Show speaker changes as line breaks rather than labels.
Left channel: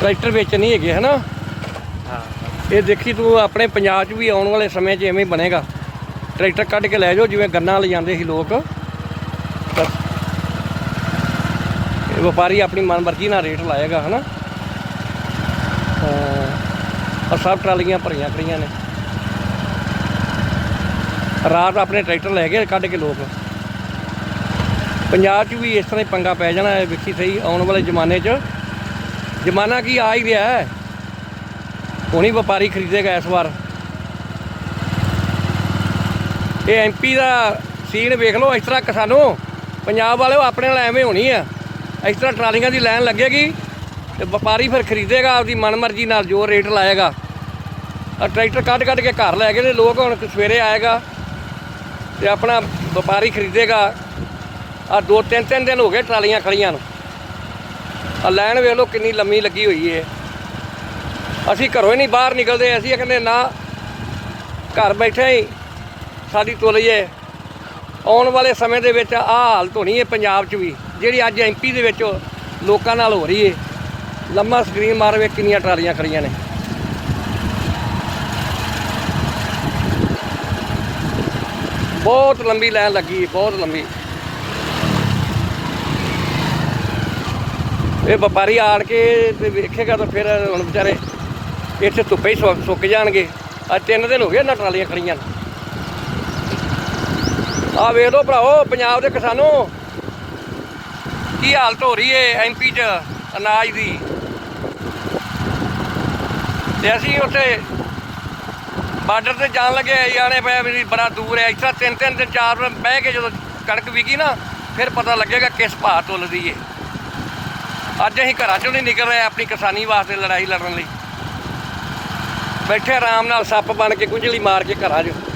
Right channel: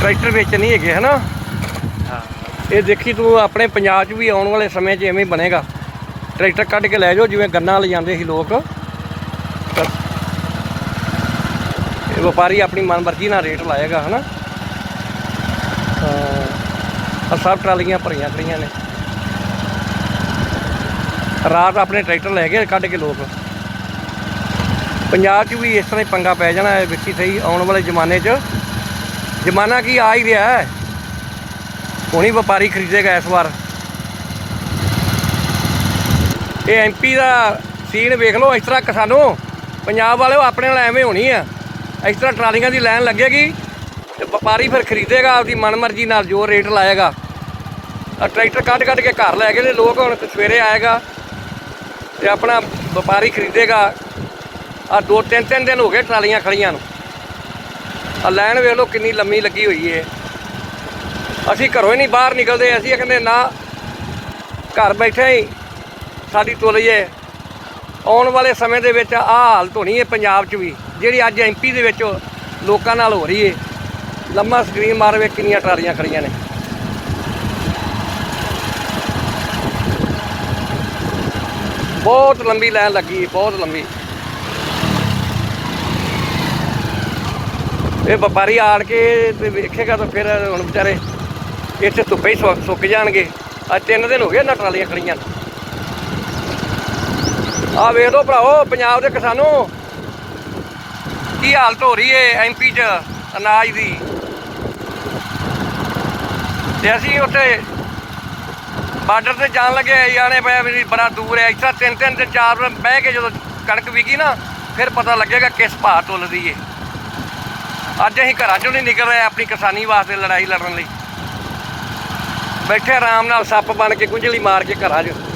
tractor ਵਿੱਚ ਨਹੀਂ ਹੈਗੇ ਹਨਾ ਹਾਂ ਇਹ ਦੇਖੀ ਤੂੰ ਆਪਣੇ ਪੰਜਾਬ 'ਚ ਵੀ ਆਉਣ ਵਾਲੇ ਸਮੇਂ 'ਚ ਐਵੇਂ ਬਣੇਗਾ ਟਰੈਕਟਰ ਕੱਢ ਕੇ ਲੈ ਜਾਓ ਜਿਵੇਂ ਗੰਨਾ ਲੈ ਜਾਂਦੇ ਸੀ ਲੋਕ ਇਹ ਵਪਾਰੀ ਆਪਣੀ ਮਨਮਰਜ਼ੀ ਨਾਲ ਰੇਟ ਲਾਏਗਾ ਹਨਾ ਆ ਸਭ ਟਰਾਲੀਆਂ ਭਰੀਆਂ ਖੜੀਆਂ ਨੇ ਰਾਤ ਆਪਣੇ ਟਰੈਕਟਰ ਲੈ ਕੇ ਕੱਢ ਕੇ ਲੋਕ ਪੰਜਾਬ 'ਚ ਵੀ ਇਸ ਤਰ੍ਹਾਂ ਹੀ ਪੰਗਾ ਪੈ ਜਾਣਾ ਹੈ ਵਿੱਕੀ ਸਹੀ ਆਉਣ ਵਾਲੇ ਜ਼ਮਾਨੇ 'ਚ ਜ਼ਮਾਨਾ ਕੀ ਆ ਹੀ ਰਿਹਾ ਹੈ ਕੋਣੀ ਵਪਾਰੀ ਖਰੀਦੇਗਾ ਇਸ ਵਾਰ ਇਹ ਐਮਪੀ ਦਾ ਸੀਨ ਵੇਖ ਲਓ ਇਸ ਤਰ੍ਹਾਂ ਕਿਸਾਨੋ ਪੰਜਾਬ ਵਾਲਿਓ ਆਪਣੇ ਨਾਲ ਐਵੇਂ ਹੋਣੀ ਆ ਇਸ ਤਰ੍ਹਾਂ ਟਰਾਲੀਆਂ ਦੀ ਲਾਈਨ ਲੱਗੇਗੀ ਤੇ ਵਪਾਰੀ ਫਿਰ ਖਰੀਦੇਗਾ ਆਪਦੀ ਮਨਮਰਜ਼ੀ ਨਾਲ ਜੋ ਰੇਟ ਲਾਏਗਾ ਆ ਟਰੈਕਟਰ ਕੱਢ ਕੱਢ ਕੇ ਘਰ ਲੈ ਗਏ ਨੇ ਲੋਕ ਹੁਣ ਸਵੇਰੇ ਆਏਗਾ ਤੇ ਆਪਣਾ ਵਪਾਰੀ ਖਰੀਦੇਗਾ ਆ ਦੋ ਤਿੰਨ ਤਿੰਨ ਦਿਨ ਹੋ ਗਏ ਟਰਾਲੀਆਂ ਖੜੀਆਂ ਨੂੰ ਆ ਲਾਈਨ ਵੇਖ ਲਓ ਕਿੰਨੀ ਲੰਮੀ ਲੱਗੀ ਹੋਈ ਏ ਅਸੀਂ ਘਰੋਂ ਹੀ ਨਹੀਂ ਬਾਹਰ ਨਿਕਲਦੇ ਅਸੀਂ ਕਹਿੰਦੇ ਨਾ ਘਰ ਬੈਠੇ ਹੀ ਸਾਡੀ ਤੋਲੀਏ ਆਉਣ ਵਾਲੇ ਸਮੇਂ ਦੇ ਵਿੱਚ ਆ ਹਾਲ ਹੋਣੀ ਏ ਪੰਜਾਬ 'ਚ ਵੀ ਜਿਹੜੀ ਅੱਜ ਐਮਪੀ ਦੇ ਵਿੱਚ ਲੋਕਾਂ ਨਾਲ ਹੋ ਰਹੀ ਏ ਲੰਮਾ ਸਕਰੀਨ ਮਾਰ ਵੇ ਕਿੰਨੀਆਂ ਟਰਾਲੀਆਂ ਖੜੀਆਂ ਨੇ ਬਹੁਤ ਲੰਬੀ ਲਾਈਨ ਲੱਗੀ ਬਹੁਤ ਲੰਬੀ ਇਹ ਵਪਾਰੀ ਆੜ ਕੇ ਤੇ ਵੇਖੇਗਾ ਤਾਂ ਫਿਰ ਹੁਣ ਵਿਚਾਰੇ ਇੱਥੇ ਧੁੱਪੇ ਹੀ ਸੁੱਕ- ਸੁੱਕ ਜਾਣਗੇ ਅੱਜ ਤਿੰਨ ਦਿਨ ਹੋ ਗਏ ਨਾ ਟਰਾਲੀਆਂ ਖੜੀਆਂ ਨੇ ਆ ਵੇਖ ਲਓ ਭਰਾਓ ਪੰਜਾਬ ਦੇ ਕਿਸਾਨੋ ਕੀ ਹਾਲਤ ਹੋ ਰਹੀ ਏ ਐਮਪੀ 'ਚ ਅਨਾਜ ਦੀ ਤੇ ਅਸੀਂ ਉੱਥੇ ਬਾਰਡਰ ਤੇ ਜਾਣ ਲੱਗੇ ਜਾਣੇ ਪਏ ਵੀ ਬੜਾ ਦੂਰ ਹੈ ਇੱਥੇ ਤਿੰਨ ਤਿੰਨ ਤੇ ਚਾਰ ਬਹਿ ਕੇ ਜਦੋਂ ਕਣਕ ਵਿਕੀ ਨਾ ਫਿਰ ਪਤਾ ਲੱਗੇਗਾ ਕਿਸ ਭਾਅ ਤੁਲਦੀ ਏ ਅੱਜ ਅਸੀਂ ਘਰਾਂ ਚੋਂ ਨਹੀਂ ਨਿਕਲ ਰਹੇ ਆਪਣੀ ਕਿਸਾਨੀ ਵਾਸਤੇ ਲੜਾਈ ਲੜਨ ਲਈ ਬੈਠੇ ਆਰਾਮ ਨਾਲ ਸੱਪ ਬਣ ਕੇ ਕੁੰਝਲੀ ਮਾਰ ਕੇ ਘਰਾਂ 'ਚ